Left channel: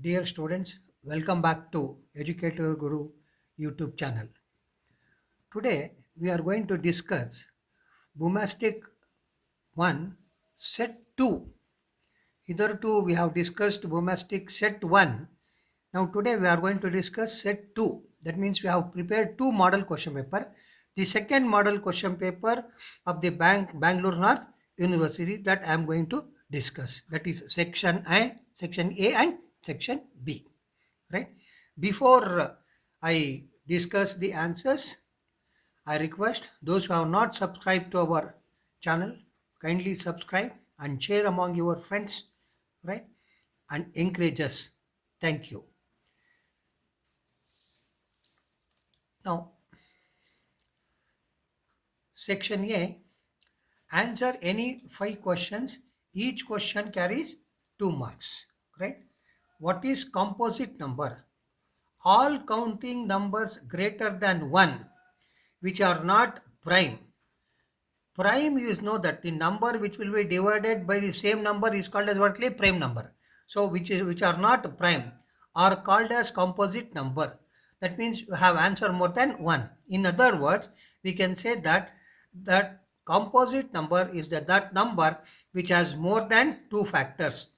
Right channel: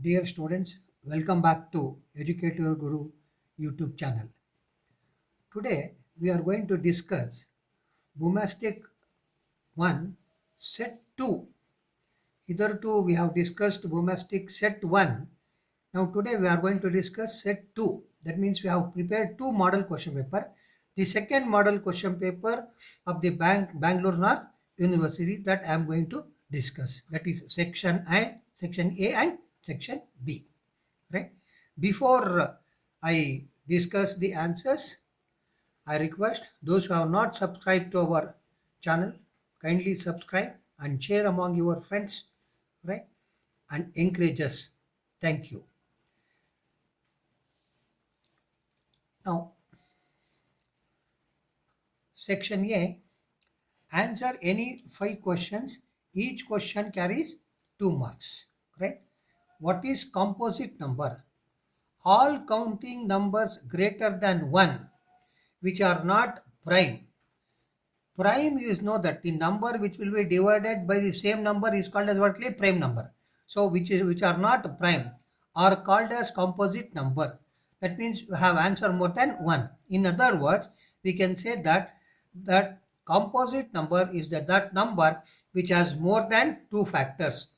Dear students, welcome back to Educator Guru YouTube channel. Today we are going to discuss Bumastic 1 set 2. Hitherto we have discussed Bumastic set 1. Now today we are going to discuss set 2. That means we have prepared two model question paper. The second model question paper of the Bangalore North University that I am going to discuss. That is section A and section B. Right? Before I discuss the answers, I request those who have not subscribed to our channel, kindly subscribe and share among your friends, right? And encourage us. Thank you. Now, section A, answer any 5 questions. Each question carries 2 marks, right? What is composite number? All counting numbers greater than 1 which are not prime. Prime, you know that the number which will be divided by the same number is called as what? Prime number. So which are not prime are called as composite number. That means you have answer more than 1. In other words, we can say that composite number is that number which has more than 2 factors.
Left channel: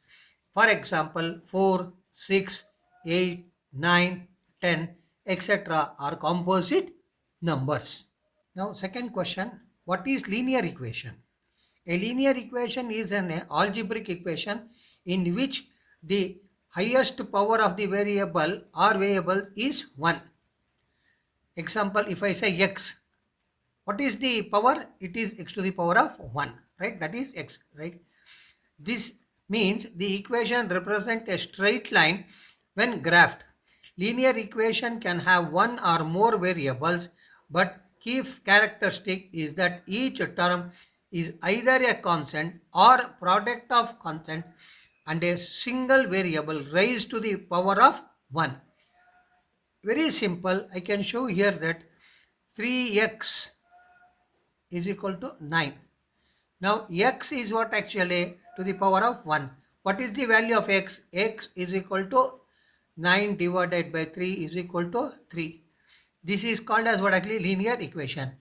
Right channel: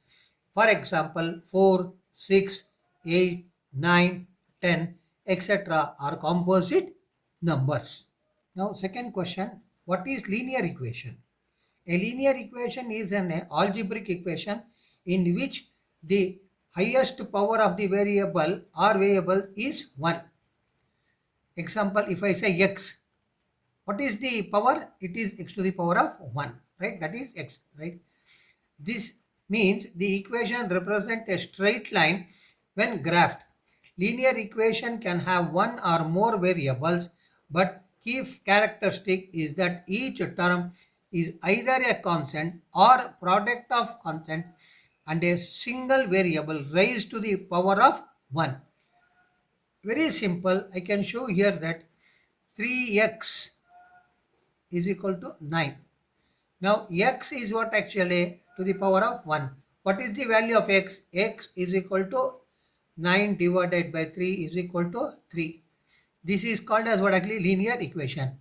For example, 4, 6, 8, 9, 10, etc. are composite numbers. Now, second question, what is linear equation? A linear equation is an algebraic equation in which the highest power of the variable or variable is 1. Example, if I say x, what is the power? It is x to the power of 1, right? That is x, right? This means the equation represents a straight line when graphed. Linear equation can have one or more variables, but key characteristic is that each term is either a constant or product of constant and a single variable raised to the power of 1. Very simple. I can show here that 3x is equal to 9. Now x is what actually to the power of 1. What is the value of x? X is equal to 9 divided by 3 is equal to 3. This is called as what actually linear equation.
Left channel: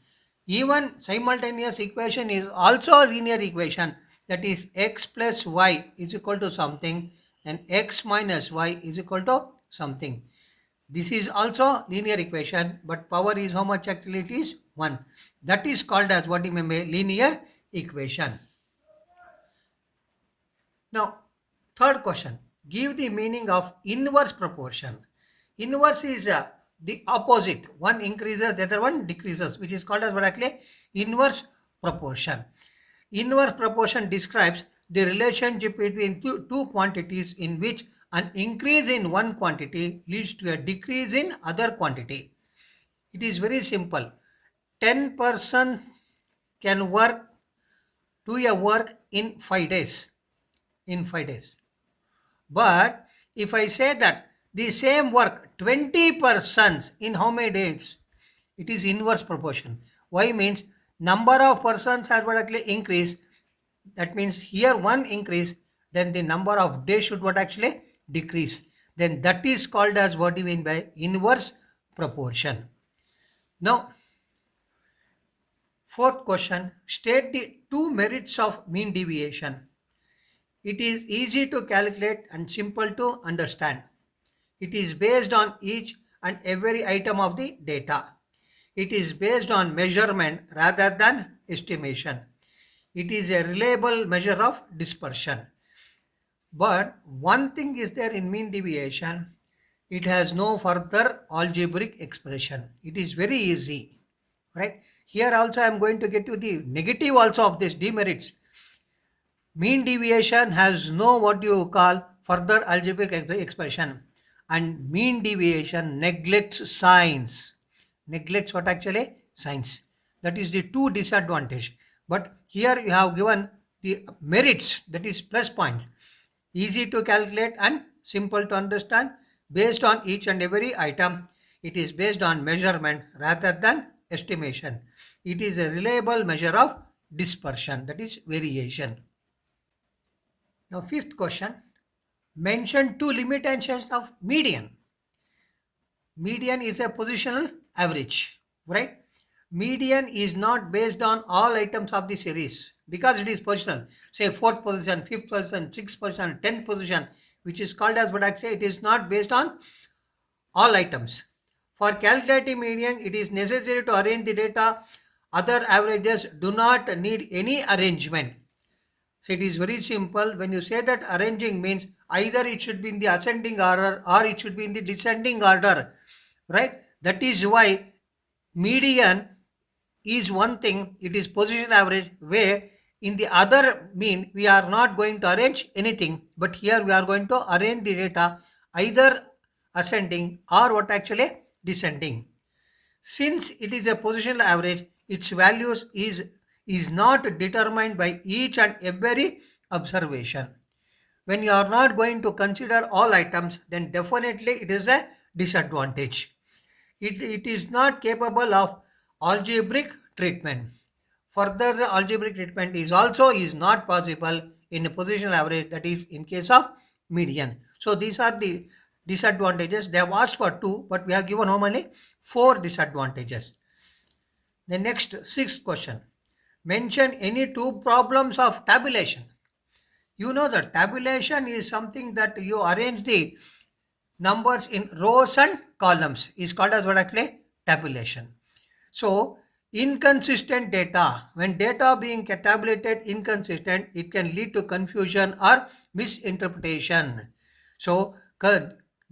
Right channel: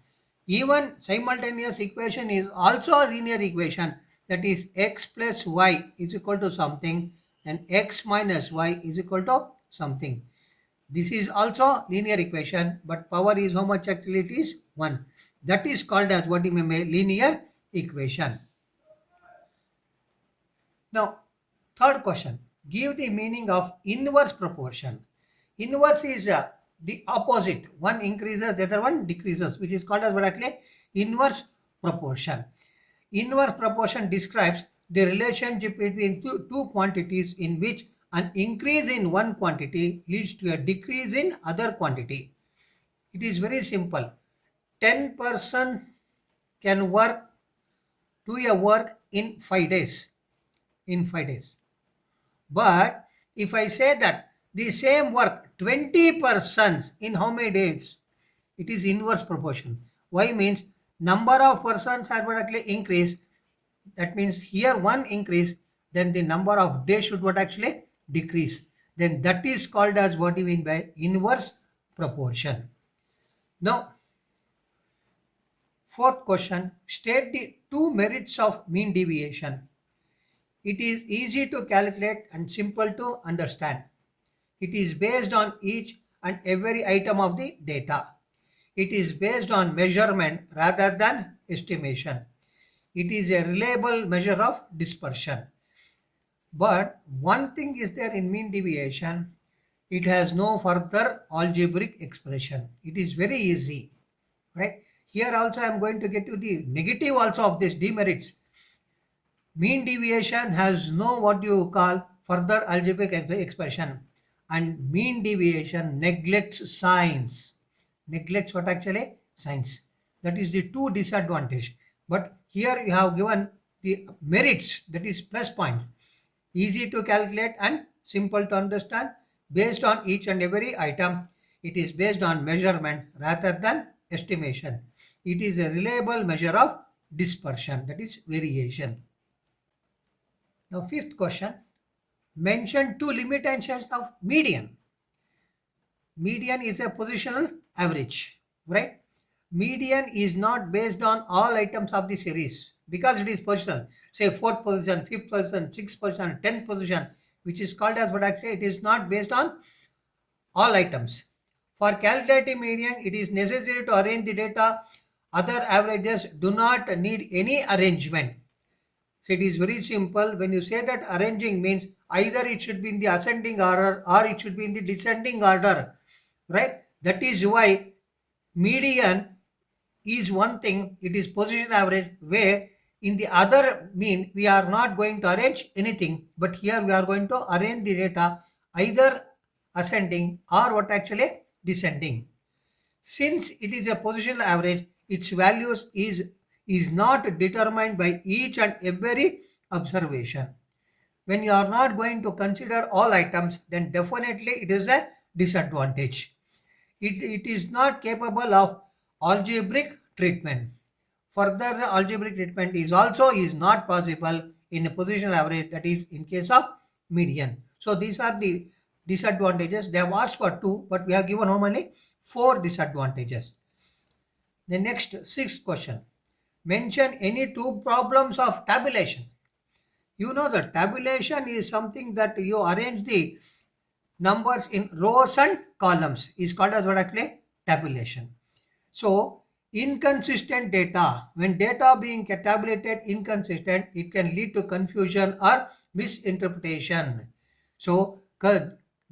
Even simultaneous equation is also a linear equation, that is x plus y is equal to something and x minus y is equal to something. This is also linear equation, but power is how much actually it is 1. That is called as what you may linear equation. Now, third question, give the meaning of inverse proportion. Inverse is the opposite. One increases, the other one decreases, which is called as what actually inverse proportion. Inverse proportion describes the relationship between two quantities in which an increase in one quantity leads to a decrease in other quantity. It is very simple. 10 persons can do a work in 5 days. In 5 days. But if I say that the same work 20 persons in how many days? It is inverse proportion. Why means number of persons has what actually increased. That means here one increase, then the number of days should what actually decrease. Then that is called as what you mean by inverse proportion. Now, fourth question, state the two merits of mean deviation. It is easy to calculate and simple to understand. It is based on each and every item of the data. It is based on measurement rather than estimation. It is a reliable measure of dispersion. But one thing is there in mean deviation, it has no further algebraic expression. It is very easy, right? Here also I am going to get to the negative also of this demerits. Mean deviation has no what you call further algebraic expression, and mean deviation neglects signs. Neglects what actually? Signs. That is the two disadvantage. But here you have given the merits, that is plus points. Easy to calculate and simple to understand based on each and every item. It is based on measurement rather than estimation. It is a reliable measure of dispersion, that is variation. Now, fifth question, Mention two limitations of median. Median is a positional average, right? Median is not based on all items of the series because it is positional. Say fourth position, fifth position, sixth position, tenth position, which is called as, but actually it is not based on all items. For calculating median, it is necessary to arrange the data. Other averages do not need any arrangement. So it is very simple. When you say that arranging means either it should be in the ascending order or it should be in the descending order, right? That is why median is one thing, it is position average, where in the other mean we are not going to arrange anything, but here we are going to arrange the data either ascending or what actually descending. Since it is a positional average, its values is not determined by each and every observation. When you are not going to consider all items, then definitely it is a disadvantage. It is not capable of algebraic treatment. Further, the algebraic treatment is not possible in a positional average, that is in case of median. So these are the disadvantages. They have asked for two, but we have given only four disadvantages. The next sixth question. Mention any two problems of tabulation. You know that tabulation is something that you arrange the numbers in rows and columns is called as what actually tabulation. So inconsistent data, when data being tabulated inconsistent, it can lead to confusion or misinterpretation. So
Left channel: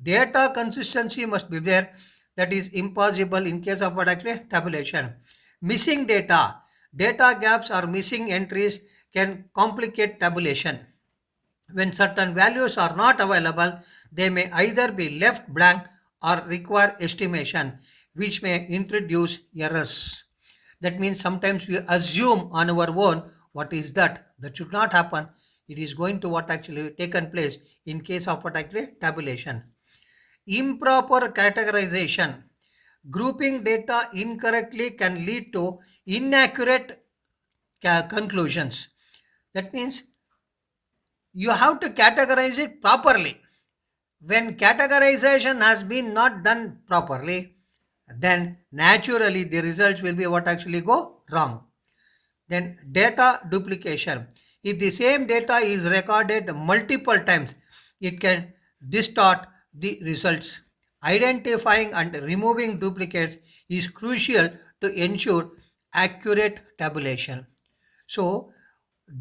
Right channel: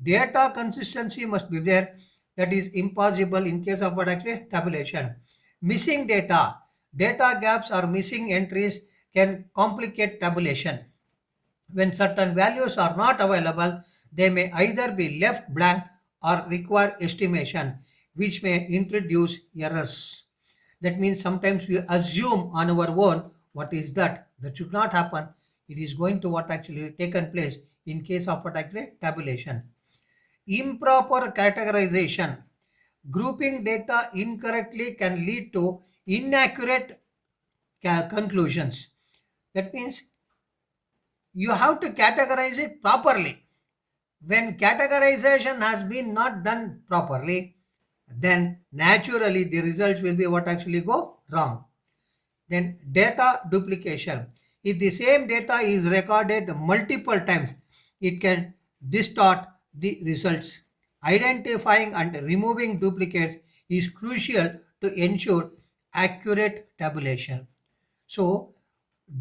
data consistency must be there. That is impossible in case of what actually tabulation. Missing data, data gaps or missing entries can complicate tabulation. When certain values are not available, they may either be left blank or require estimation, which may introduce errors. That means sometimes we assume on our own what is that. That should not happen. It is going to what actually taken place in case of what actually tabulation. Improper categorization. Grouping data incorrectly can lead to inaccurate conclusions. That means you have to categorize it properly. When categorization has been not done properly, then naturally the results will be what actually go wrong. Then data duplication. If the same data is recorded multiple times, it can distort the results. Identifying and removing duplicates is crucial to ensure accurate tabulation. So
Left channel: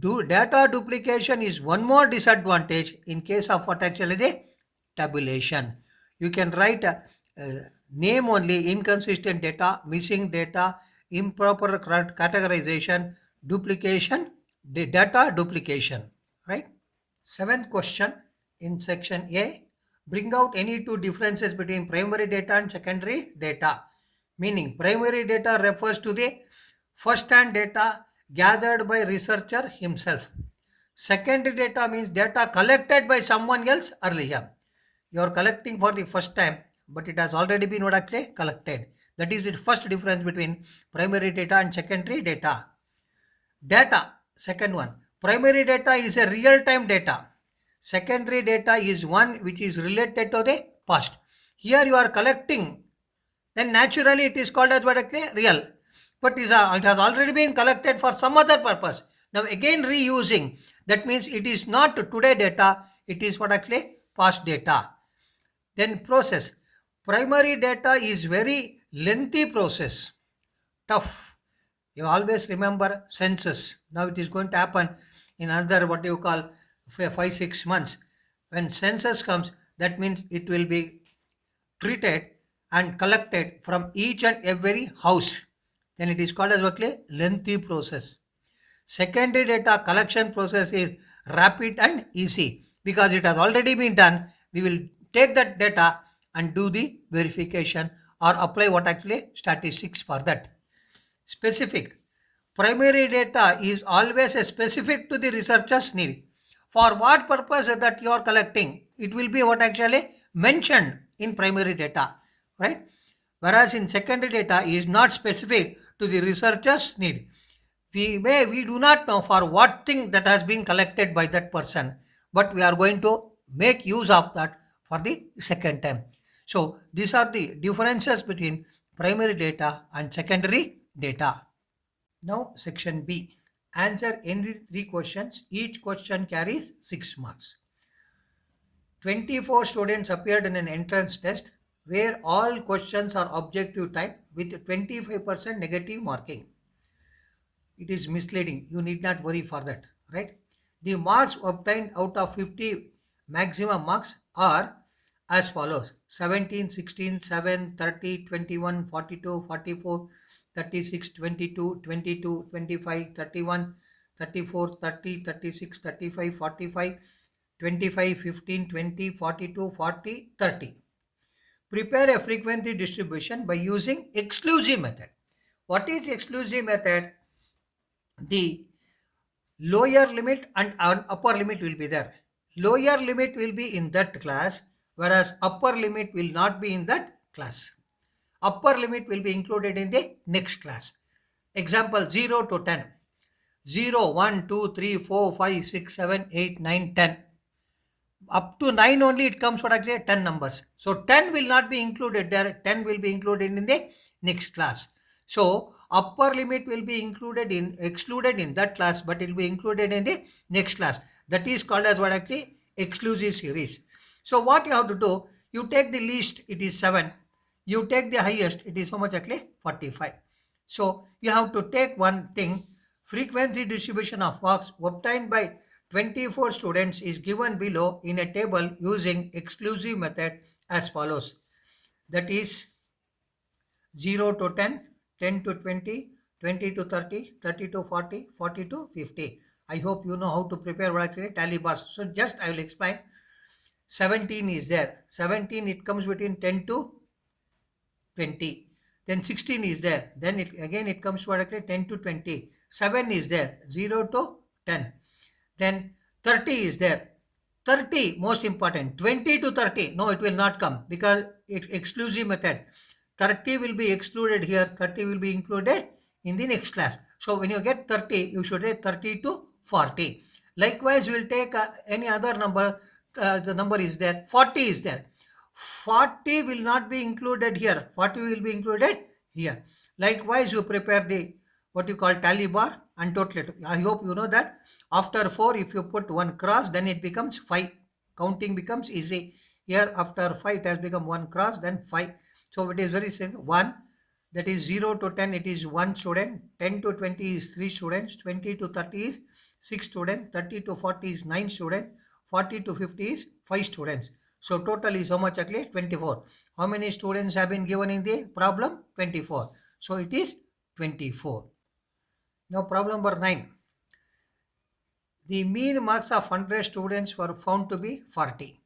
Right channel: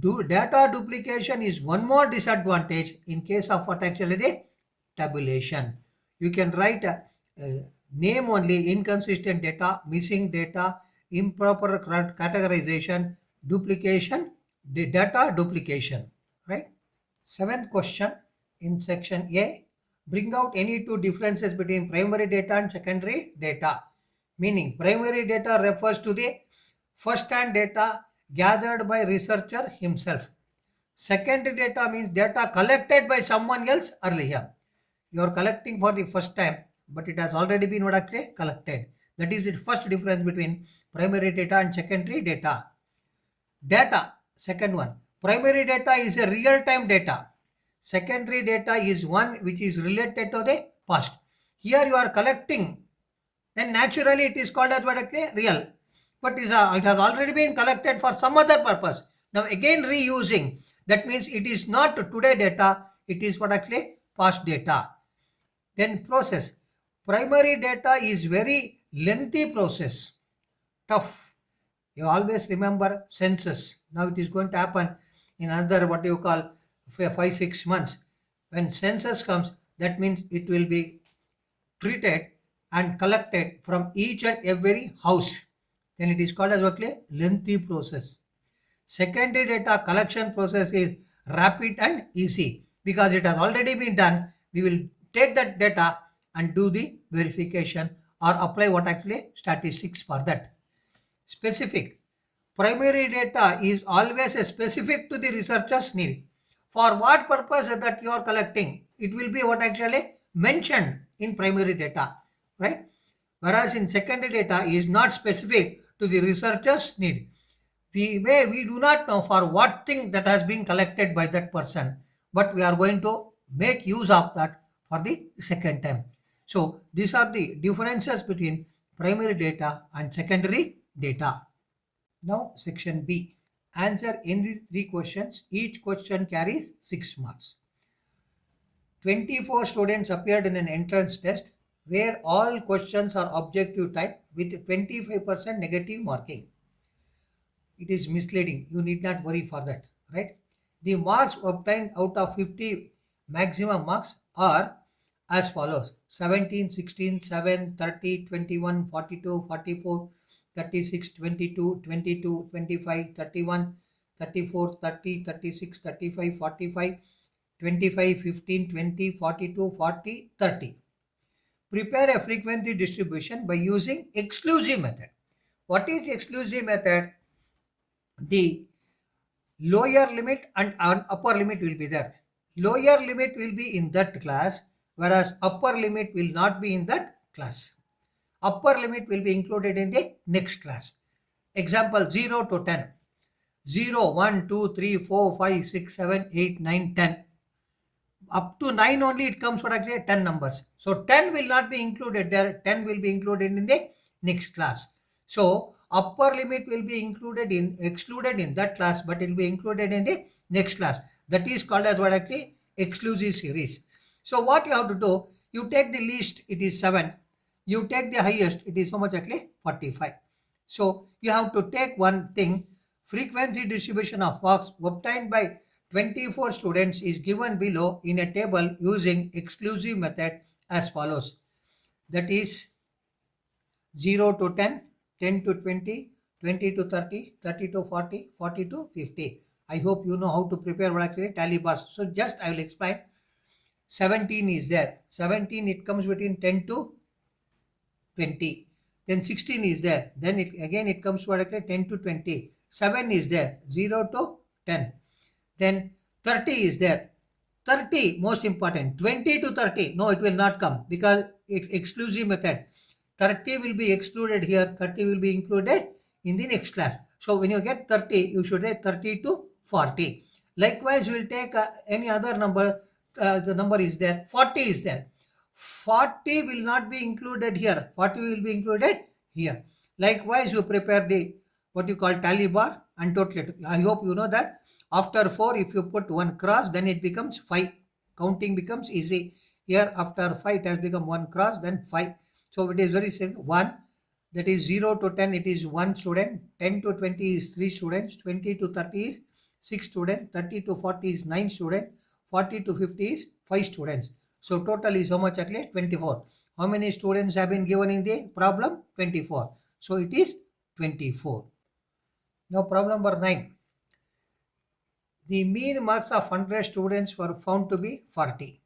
data duplication is one more disadvantage in case of what actually the tabulation. You can write a name only: inconsistent data, missing data, improper categorization, duplication, the data duplication, right? Seventh question in section A, bring out any two differences between primary data and secondary data. Meaning primary data refers to the first-hand data gathered by researcher himself. Secondary data means data collected by someone else earlier. You are collecting for the first time, but it has already been collected. That is the first difference between primary data and secondary data. Data, second one. Primary data is a real-time data. Secondary data is one which is related to the past. Here you are collecting, then naturally it is called as what actually real. But it has already been collected for some other purpose. Now again reusing. That means it is not today data, it is what actually past data. Then process. Primary data is very lengthy process. Tough. You always remember census. Now it is going to happen in another what you call 5-6 months. When census comes, that means it will be treated and collected from each and every house. Then it is called as what lengthy process. Secondary data collection process is rapid and easy because it has already been done. We will take that data and do the verification or apply what actually statistics for that. Specific. Primary data is always specific to the researcher's need. For what purpose that you are collecting, it will be what actually mentioned in primary data, right? Whereas in secondary data is not specific to the researcher's need. We do not know for what thing that has been collected by that person, but we are going to make use of that for the second time. So these are the differences between primary data and secondary data. Now section B. Answer any three questions. Each question carries 6 marks. 24 students appeared in an entrance test where all questions are objective type with 25% negative marking. It is misleading. You need not worry for that, right? The marks obtained out of 50 maximum marks are as follows: 17, 16, 7, 30, 21, 42, 44, 36, 22, 22, 25, 31, 34, 30, 36, 35, 45, 25, 15, 20, 42, 40, 30. Prepare a frequency distribution by using exclusive method. What is exclusive method? The lower limit and an upper limit will be there. Lower limit will be in that class, whereas upper limit will not be in that class. Upper limit will be included in the next class. Example 0 to 10. 0, 1, 2, 3, 4, 5, 6, 7, 8, 9, 10. Up to 9 only it comes what actually 10 numbers. So 10 will not be included there. 10 will be included in the next class. So upper limit will be excluded in that class, but it will be included in the next class. That is called as what actually exclusive series. So what you have to do, you take the least, it is 7. You take the highest, it is how much actually 45. So you have to take one thing, frequency distribution of marks obtained by 24 students is given below in a table using exclusive method as follows. That is 0 to 10, 10 to 20, 20 to 30, 30 to 40, 40 to 50. I hope you know how to prepare what actually tally bars. So just I will explain. 17 is there. 17 it comes between 10 to 20. Then 16 is there. Then it comes to what 10 to 20. 7 is there. 0 to 10. Then 30 is there. 30 most important. 20 to 30. No, it will not come because it exclusive method. 30 will be excluded here. 30 will be included in the next class. So when you get 30, you should say 30 to 40. Likewise, we will take any other number. The number is there. 40 is there. 40 will not be included here. 40 will be included here. Likewise, you prepare the what you call tally bar and total. I hope you know that. After 4, if you put one cross, then it becomes 5. Counting becomes easy. Here, after 5, it has become 1 cross, then 5. So it is very simple. 1, that is 0 to 10, it is 1 student. 10 to 20 is 3 students. 20 to 30 is 6 students. 30 to 40 is 9 students. 40 to 50 is 5 students. So total is how much actually? 24. How many students have been given in the problem? 24. So it is 24. Now problem number 9. The mean marks of 100 students were found to be 40.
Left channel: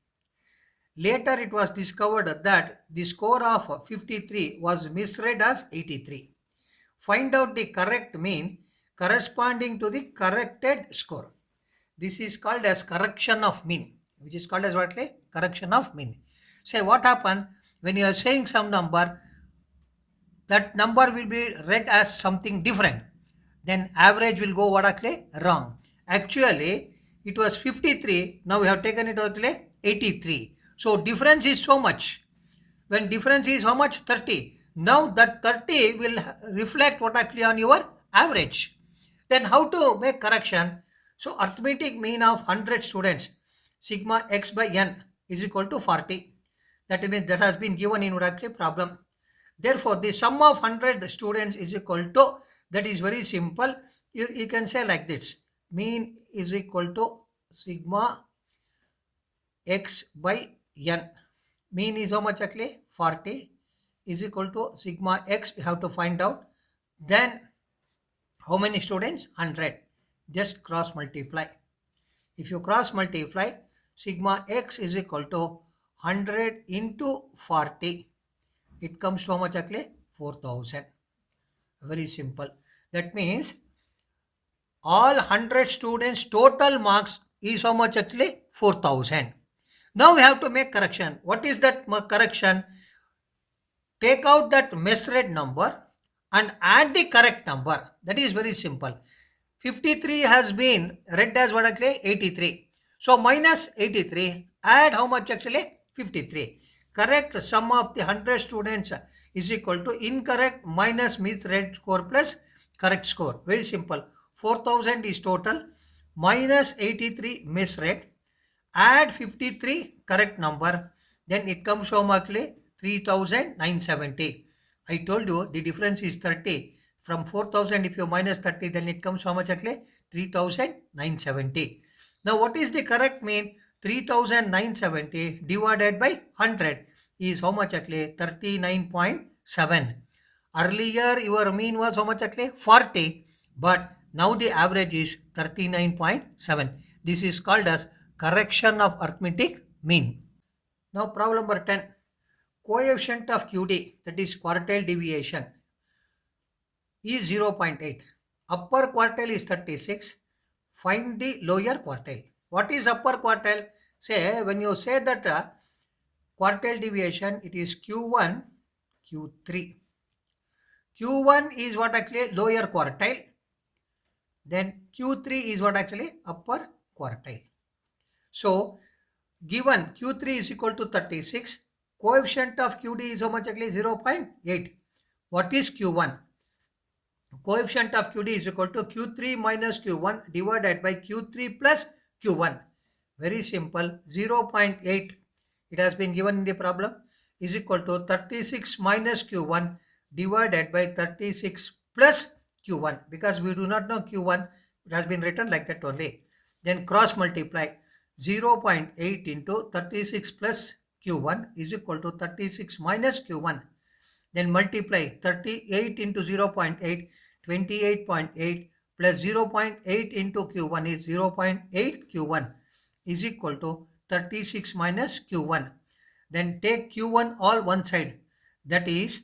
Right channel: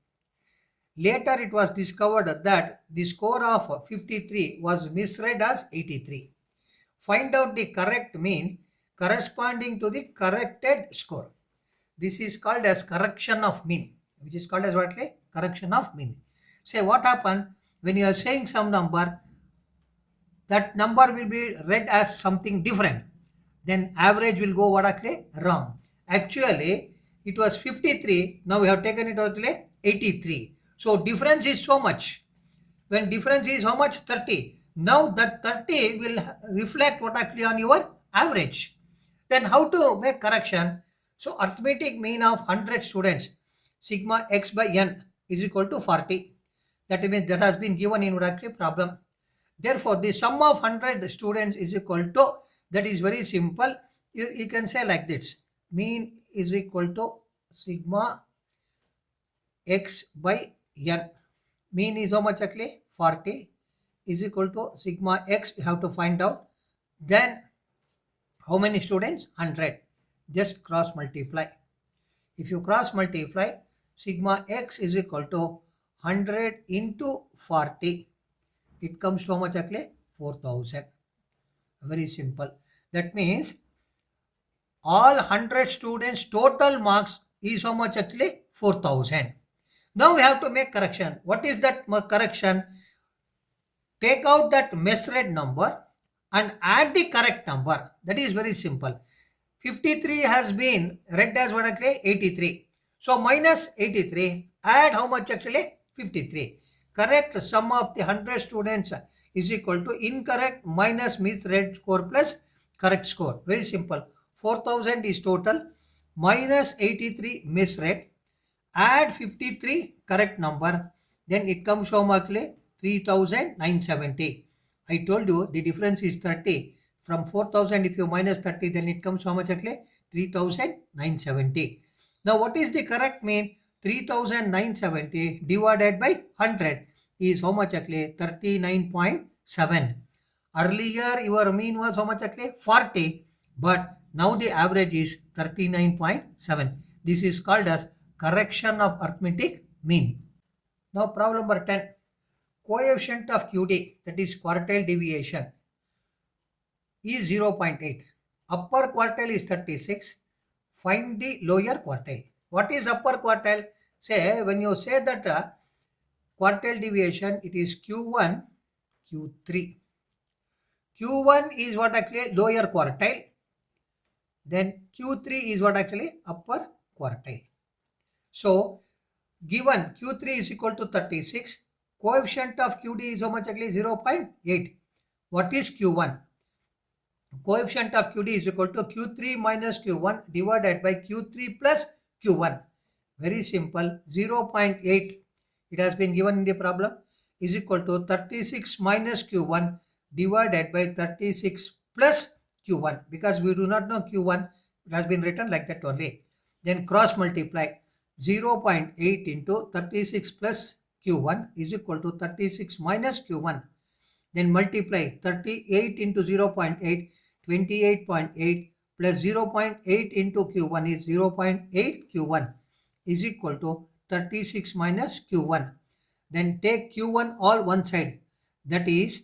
Later it was discovered that the score of 53 was misread as 83. Find out the correct mean corresponding to the corrected score. This is called as correction of mean, which is called as what? Correction of mean. Say what happens when you are saying some number, that number will be read as something different. Then average will go what actually wrong. Actually, it was 53. Now we have taken it actually 83. So difference is so much. When difference is how much? 30. Now that 30 will reflect what actually on your average. Then how to make correction? So arithmetic mean of 100 students, sigma x by n is equal to 40. That means that has been given in actually problem. Therefore, the sum of 100 students is equal to, that is very simple. You can say like this. Mean is equal to sigma x by n. Mean is how much actually? 40 is equal to sigma x. You have to find out. Then how many students? 100. Just cross multiply. If you cross multiply, sigma x is equal to 100 into 40. It comes to how much actually? 4000. Very simple. That means all 100 students total marks is how much actually? 4000. Now we have to make correction. What is that correction? Take out that misread number and add the correct number. That is very simple. 53 has been read as what actually? 83. So minus 83. Add how much actually? 53. Correct sum of the 100 students is equal to incorrect minus misread score plus correct score. Very simple. 4000 is total minus 83 misread. Add 53 correct number. Then it comes from actually 3970. I told you the difference is 30. From 4000 if you minus 30 then it comes how much actually? 3970. Now what is the correct mean? 3970 divided by 100 is how much actually? 39.7. Earlier your mean was how much actually? 40, but now the average is 39.7. This is called as correction of arithmetic mean. Now problem number 10. Coefficient of QD, that is quartile deviation, is 0.8. Upper quartile is 36. Find the lower quartile. What is upper quartile? Say when you say that quartile deviation, it is Q1, Q3. Q1 is what actually lower quartile. Then Q3 is what actually upper quartile. So given Q3 is equal to 36, coefficient of QD is how much actually? 0.8. What is Q1? Coefficient of QD is equal to Q3 minus Q1 divided by Q3 plus Q1. Very simple. 0.8. It has been given in the problem is equal to 36 minus Q1 divided by 36 plus Q1. Because we do not know Q1, it has been written like that only. Then cross multiply. 0.8 into 36 plus Q1 is equal to 36 minus Q1. Then multiply 38 into 0.8, 28.8 plus 0.8 into Q1 is 0.8 Q1 is equal to 36 minus Q1. Then take Q1 all one side. That is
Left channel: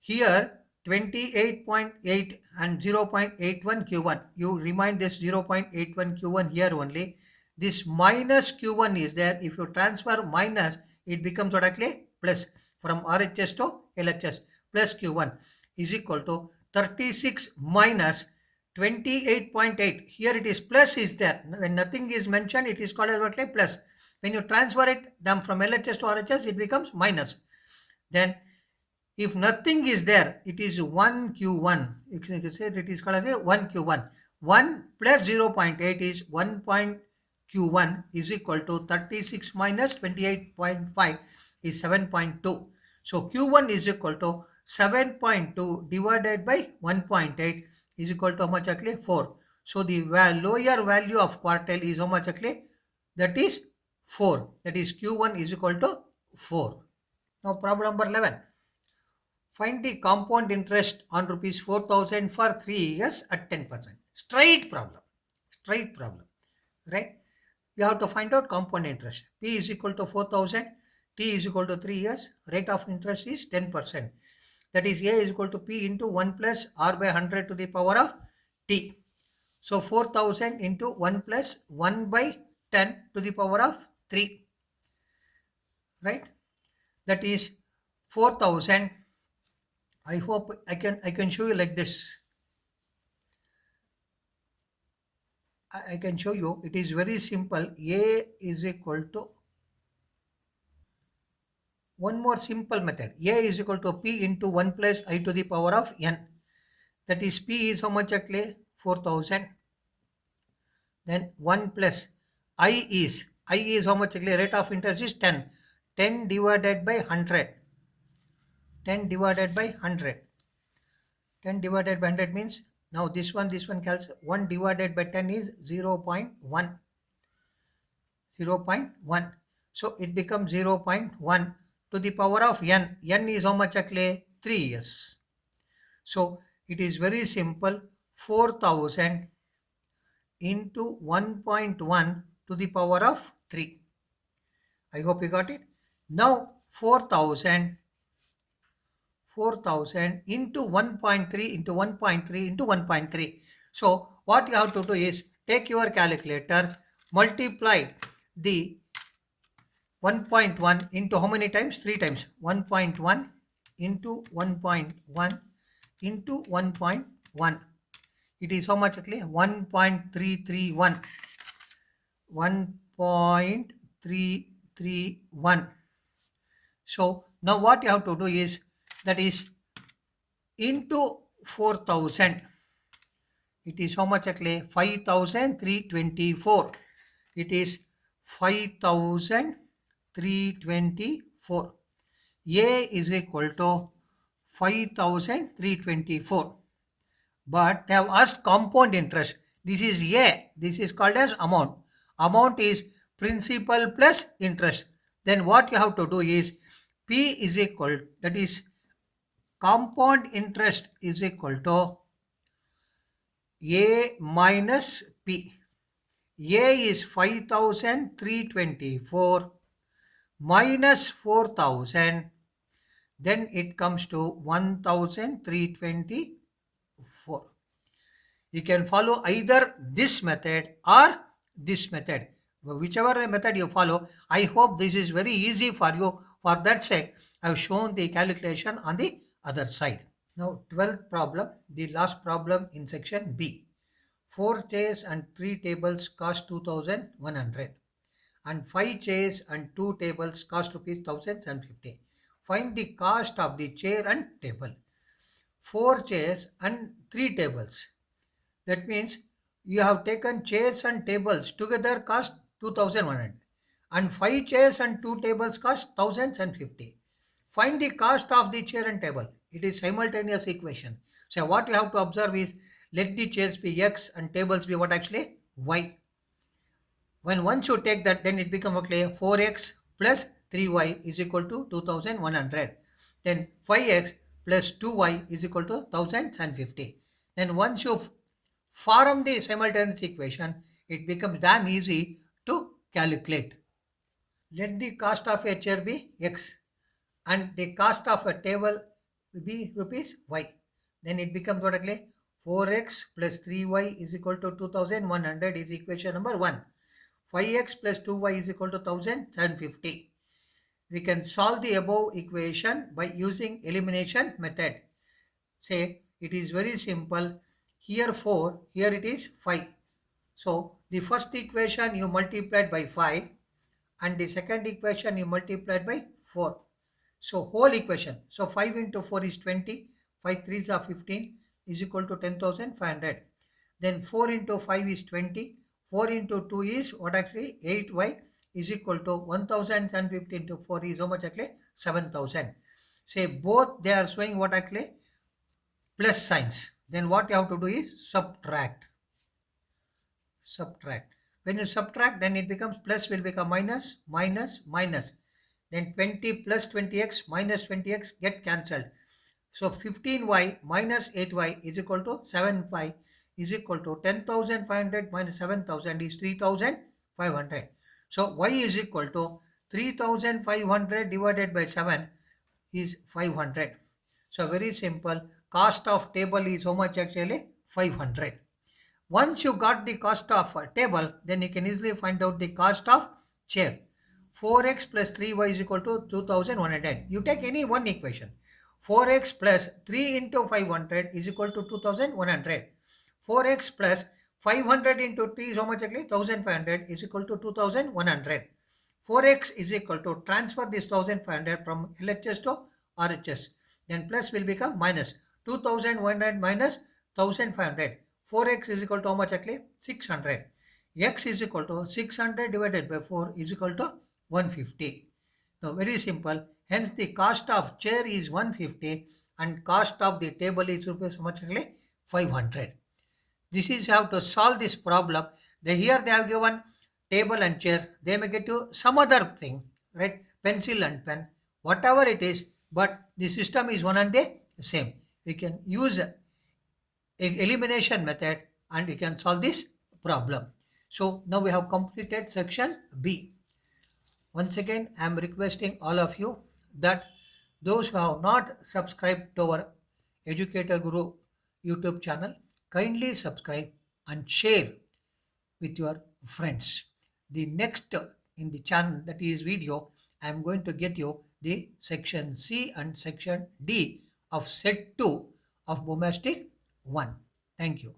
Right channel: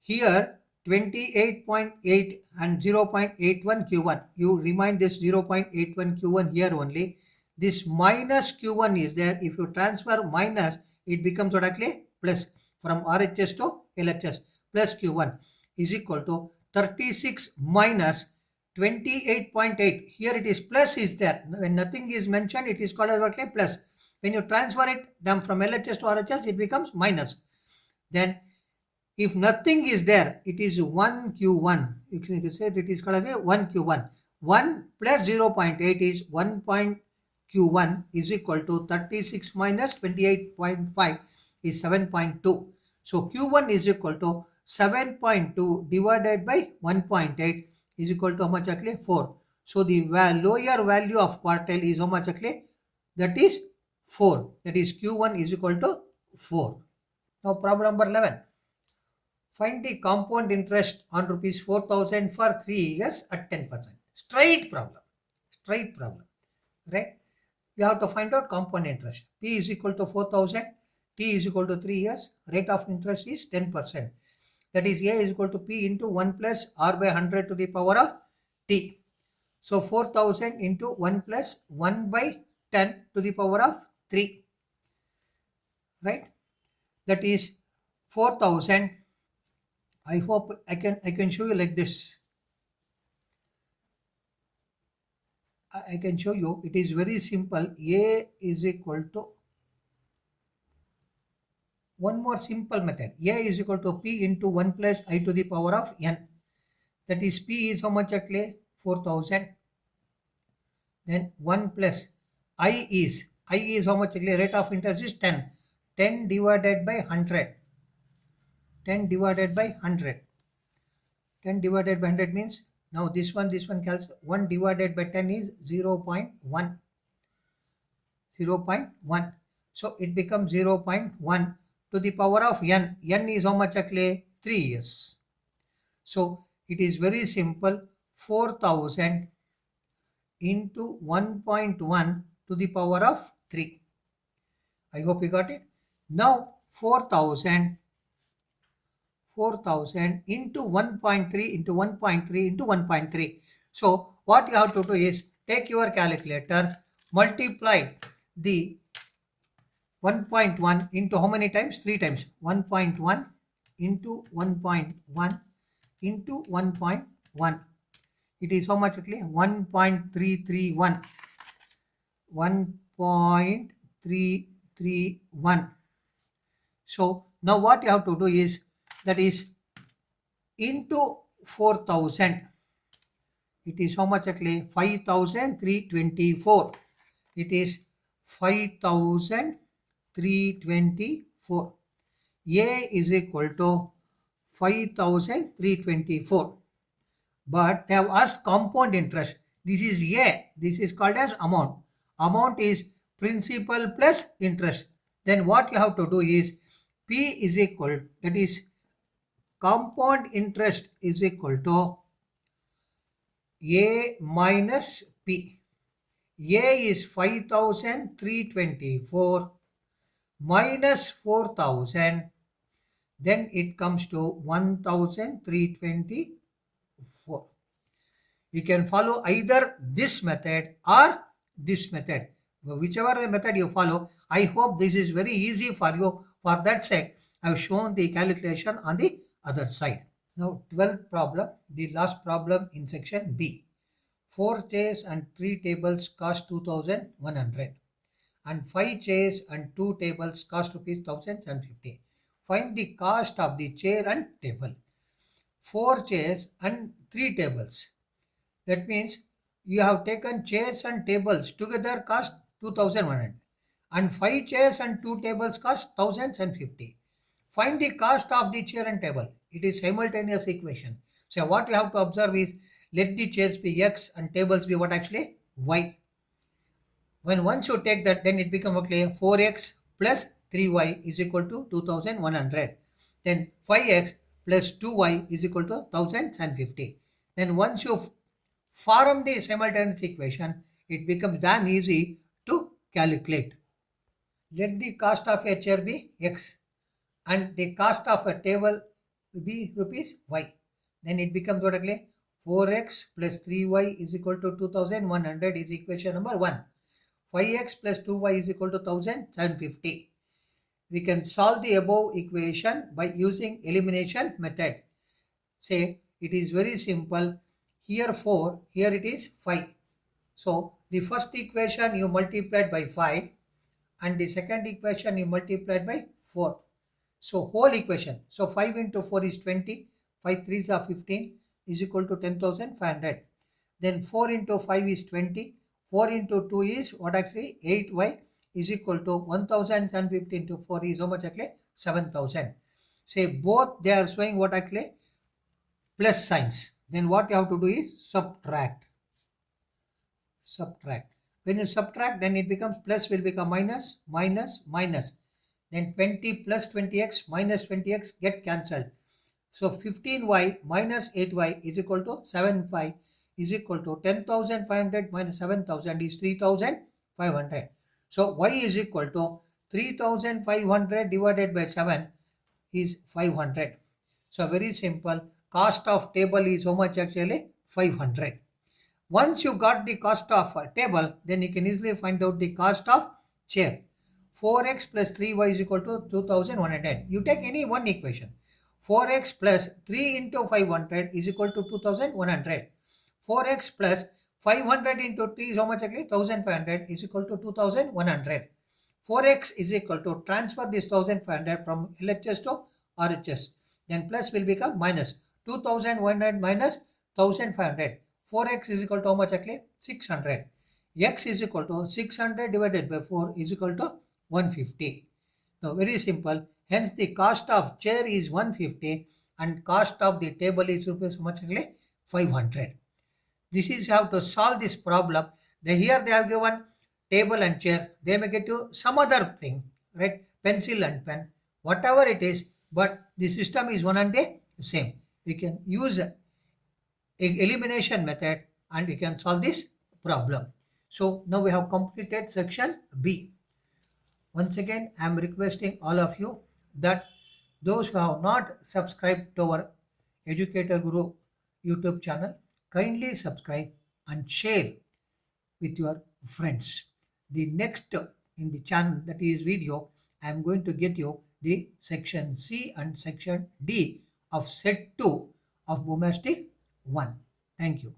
here 28.8 and 0.81 Q1. You remind this 0.81 Q1 here only. This minus Q1 is there. If you transfer minus, it becomes what actually plus from RHS to LHS. Plus Q1 is equal to 36 minus 28.8. Here it is plus is there. When nothing is mentioned, it is called as what like plus. When you transfer it down from LHS to RHS, it becomes minus. Then if nothing is there, it is 1 Q1. You can say it is called as 1 Q1. 1 plus 0.8 is 1 Q1 is equal to 36 minus 28.5 is 7.2. So Q1 is equal to 7.2 divided by 1.8 is equal to how much actually? 4. So the lower value of quartile is how much actually? That is 4. That is Q1 is equal to 4. Now problem number 11. Find the compound interest on rupees 4,000 for 3 years at 10%. Straight problem. Straight problem. Right? You have to find out compound interest. P is equal to 4,000. T is equal to 3 years. Rate of interest is 10%. That is A is equal to P into 1 plus R by 100 to the power of T. So 4,000 into 1 plus 1 by 10 to the power of 3. Right? That is 4,000. I hope I can show you like this. I can show you. It is very simple. A is equal to one more simple method. A is equal to P into 1 plus I to the power of N. That is P is how much actually? 4,000. Then 1 plus I is how much actually? Rate of interest is 10. 10 divided by 100. 10 divided by 100. 10 divided by 100 means now this one cancels. 1 divided by 10 is 0.1. 0.1. So it becomes 0.1 to the power of N. N is how much actually? 3 years. So it is very simple. 4,000 into 1.1 to the power of 3. I hope you got it. Now 4,000 into 1.3 into 1.3 into 1.3. So what you have to do is take your calculator, multiply the 1.1 into how many times? 3 times. 1.1 into 1.1 into 1.1. It is how much actually? 1.331. 1.331. 331. So now what you have to do is, that is into 4000. It is how much actually? 5324. It is 5324. A is equal to 5324. But they have asked compound interest. This is A. This is called as amount. Amount is principal plus interest. Then what you have to do is P is equal, that is compound interest is equal to A minus P. A is 5324 minus 4000. Then it comes to 1324. You can follow either this method or this method. Whichever method you follow, I hope this is very easy for you. For that sake, I have shown the calculation on the other side. Now, 12th problem, the last problem in section B. 4 chairs and 3 tables cost 2100, and 5 chairs and 2 tables cost rupees 1050. Find the cost of the chair and table. 4 chairs and 3 tables. That means you have taken chairs and tables together cost 2100, and 5 chairs and 2 tables cost 1050. Find the cost of the chair and table. It is simultaneous equation. So what you have to observe is, let the chairs be x and tables be what actually? Y. When once you take that, then it becomes okay, 4x plus 3y is equal to 2100. Then 5x plus 2y is equal to 1050. Then once you form the simultaneous equation, it becomes damn easy to calculate. Let the cost of a chair be x and the cost of a table be rupees y. Then it becomes what again? 4x plus 3y is equal to 2100 is equation number 1. 5x plus 2y is equal to 1050. We can solve the above equation by using elimination method. Say it is very simple. Here 4, here it is 5. So the first equation you multiplied by 5 and the second equation you multiplied by 4. So whole equation. So 5 into 4 is 20. 5 3s are 15 is equal to 10,500. Then 4 into 5 is 20. 4 into 2 is what actually? 8y is equal to 1050 into 4 is how much actually? 7,000. Say both they are showing what actually? Plus signs. Then what you have to do is subtract. Subtract. When you subtract, then it becomes plus will become minus, minus, minus. Then 20 plus 20x minus 20x get cancelled. So 15y minus 8y is equal to 7y is equal to 10,500 minus 7,000 is 3,500. So y is equal to 3,500 divided by 7 is 500. So very simple. Cost of table is how much actually? 500. Once you got the cost of a table, then you can easily find out the cost of chair. 4x plus 3y is equal to 2110. You take any one equation. 4x plus 3 into 500 is equal to 2100. 4x plus 500 into 3 is how much actually? 1500 is equal to 2100. 4x is equal to transfer this 1500 from LHS to RHS. Then plus will become minus 2100 minus 1500. 4x is equal to how much actually? 600. X is equal to 600 divided by 4 is equal to 150. Now very simple. Hence the cost of chair is 150 and cost of the table is rupees how much actually? 500. This is how to solve this problem. Here they have given table and chair. They may get to some other thing, right? Pencil and pen, whatever it is, but the system is one and the same. We can use elimination method and we can solve this problem. So now we have completed section B. Once again, I am requesting all of you that those who have not subscribed to our Educator Guru YouTube channel, kindly subscribe and share with your friends. The next in the channel, that is video, I am going to get you the section C and section D of set 2 of Bumastics 1. Thank you.